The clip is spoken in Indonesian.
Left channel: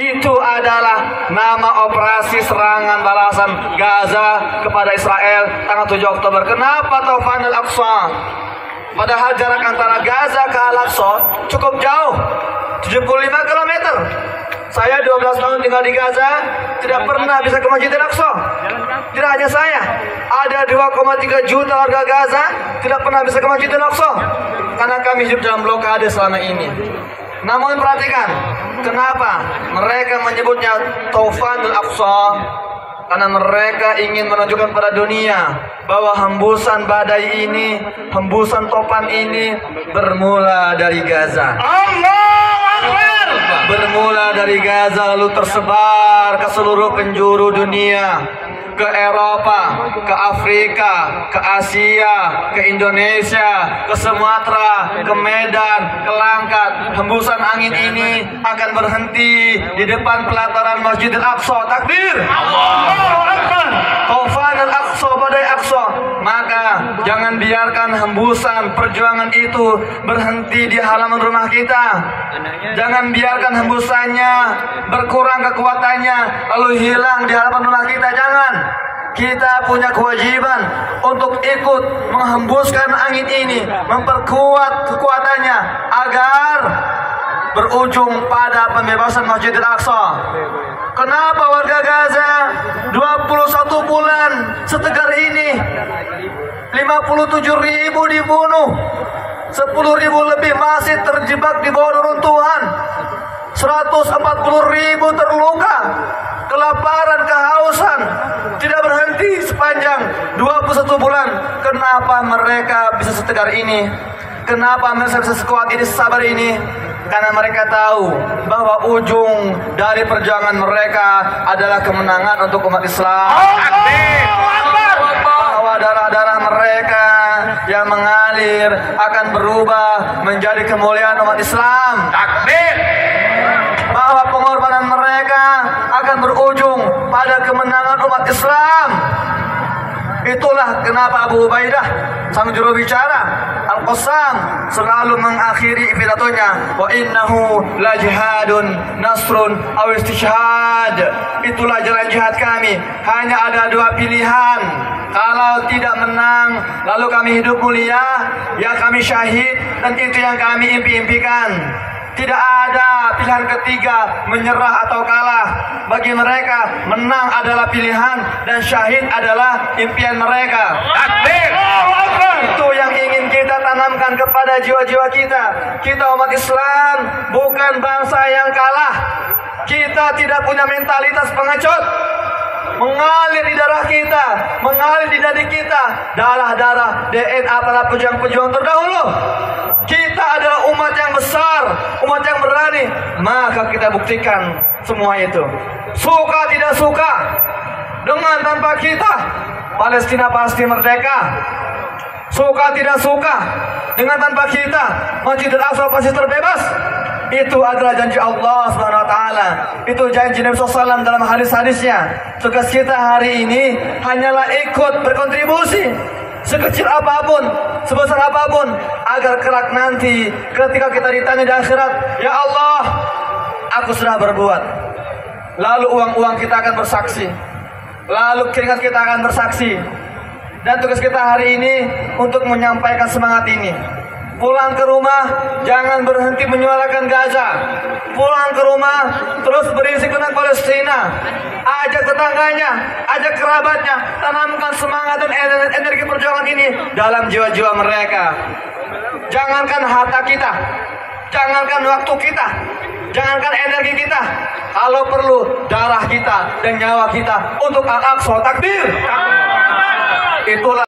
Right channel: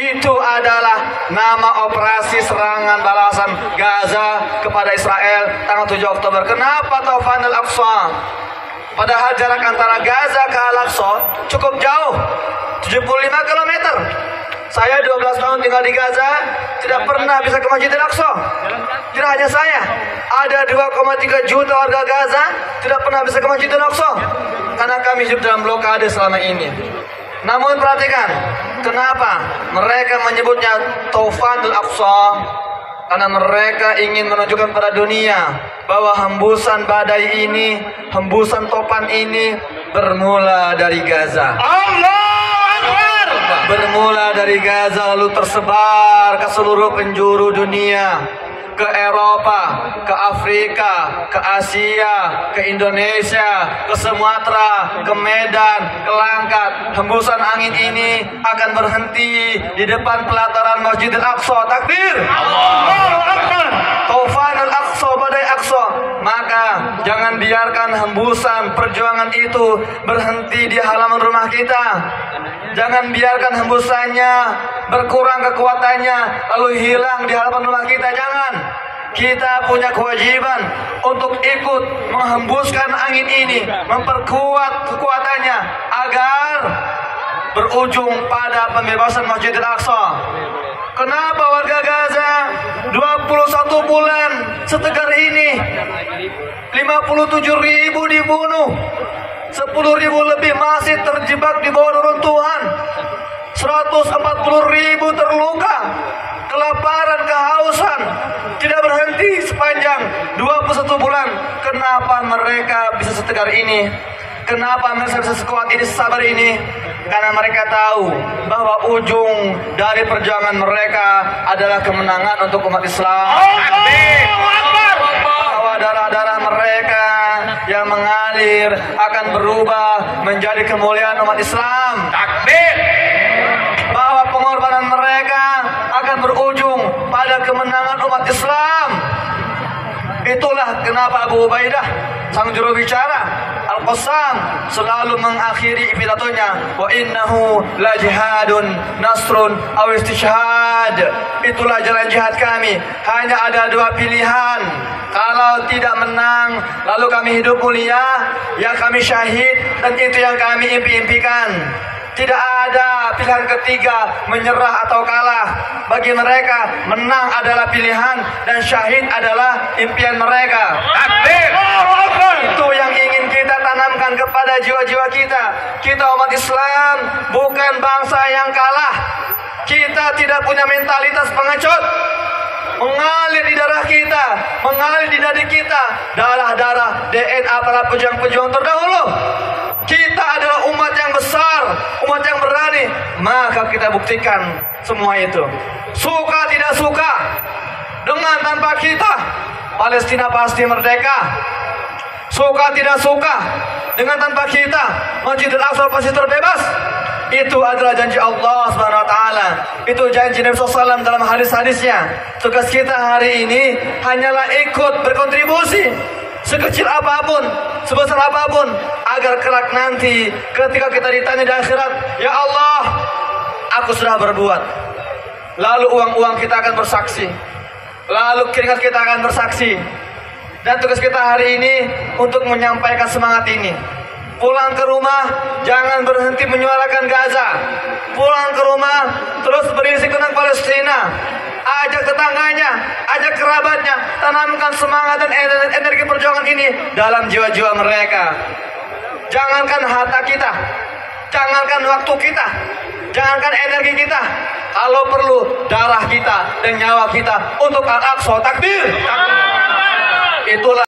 Itu adalah nama operasi serangan balasan Gaza kepada Israel tanggal 7 Oktober. Kenapa Taufan Al-Aqsa? Padahal jarak antara Gaza ke Al-Aqsa cukup jauh, 75 km. Saya 12 tahun tinggal di Gaza, tidak pernah bisa ke Masjid Al-Aqsa. Tidak hanya saya, ada 2,3 juta warga Gaza tidak pernah bisa ke Masjid Al-Aqsa karena kami hidup dalam blokade selama ini. Namun perhatikan, kenapa mereka menyebutnya Taufan Al-Aqsa? Karena mereka ingin menunjukkan pada dunia bahwa hembusan badai ini, hembusan topan ini bermula dari Gaza. Bermula dari Gaza lalu tersebar ke seluruh penjuru dunia, ke Eropa, ke Afrika, ke Asia, ke Indonesia, ke Sumatera, ke Medan, ke Langkat. Hembusan angin ini akan berhenti di depan pelataran Masjid Al-Aqsa. Takbir! Allahu Akbar! Taufan Al-Aqsa, badai Aqsa. Maka jangan biarkan hembusan perjuangan itu berhenti di halaman rumah kita. Jangan biarkan hembusannya berkurang kekuatannya lalu hilang di hadapan rumah kita. Jangan. Kita punya kewajiban untuk ikut menghembuskan angin ini, memperkuat kekuatannya agar berujung pada pembebasan Masjid Al-Aqsa. Kenapa warga Gaza 21 bulan setegar ini 57.000 dibunuh, 10.000 lebih masih terjebak di bawah reruntuhan, 140.000 terluka, kelaparan, kehausan tidak berhenti sepanjang 21 bulan. Kenapa mereka bisa setegar ini? Kenapa mereka bisa sekuat ini, sabar ini? Karena mereka tahu bahwa ujung dari perjuangan mereka adalah kemenangan untuk umat Islam. Bahwa darah-darah mereka yang mengalir akan berubah menjadi kemuliaan umat Islam. Takbir! Bahwa pengorbanan mereka akan berujung pada kemenangan umat Islam. Itulah kenapa Abu Ubaidah, sang juru bicara Al-Qassam, selalu mengakhiri pidatonya, wa innahu la jihadun nasrun aw istishhad. Itulah jalan jihad kami. Hanya ada dua pilihan. Kalau tidak menang, lalu kami hidup mulia, ya kami syahid, dan itu yang kami impi-impikan. Tidak ada pilihan ketiga, menyerah atau kalah. Bagi mereka, menang adalah pilihan dan syahid adalah impian mereka. Takbir! Itu yang ingin kita tanamkan kepada jiwa-jiwa kita. Kita umat Islam bukan bangsa yang kalah. Kita tidak punya mentalitas pengecut. Mengalir di darah kita, mengalir di dada kita, darah-darah DNA para pejuang-pejuang terdahulu. Kita adalah umat yang besar, umat yang berani. Maka kita buktikan semua itu. Suka tidak suka, dengan tanpa kita, Palestina pasti merdeka. Suka tidak suka, dengan tanpa kita, Masjid Al-Aqsa pasti terbebas. Itu adalah janji Allah SWT. Itu janji Nabi SAW dalam hadis-hadisnya. Tugas kita hari ini hanyalah ikut berkontribusi sekecil apapun, sebesar apapun, agar kelak nanti ketika kita ditanya di akhirat, ya Allah, aku sudah berbuat. Lalu uang-uang kita akan bersaksi, lalu keringat kita akan bersaksi. Dan tugas kita hari ini untuk menyampaikan semangat ini. Pulang ke rumah, jangan berhenti menyuarakan Gaza. Pulang ke rumah, terus berisi tentang Palestina. Ajak tetangganya, ajak kerabatnya, tanamkan semangat dan energi perjuangan ini dalam jiwa-jiwa mereka. Jangankan harta kita, jangankan waktu kita, jangankan energi kita, kalau perlu darah kita dan nyawa kita untuk Al-Aqsa. Takbir! Itulah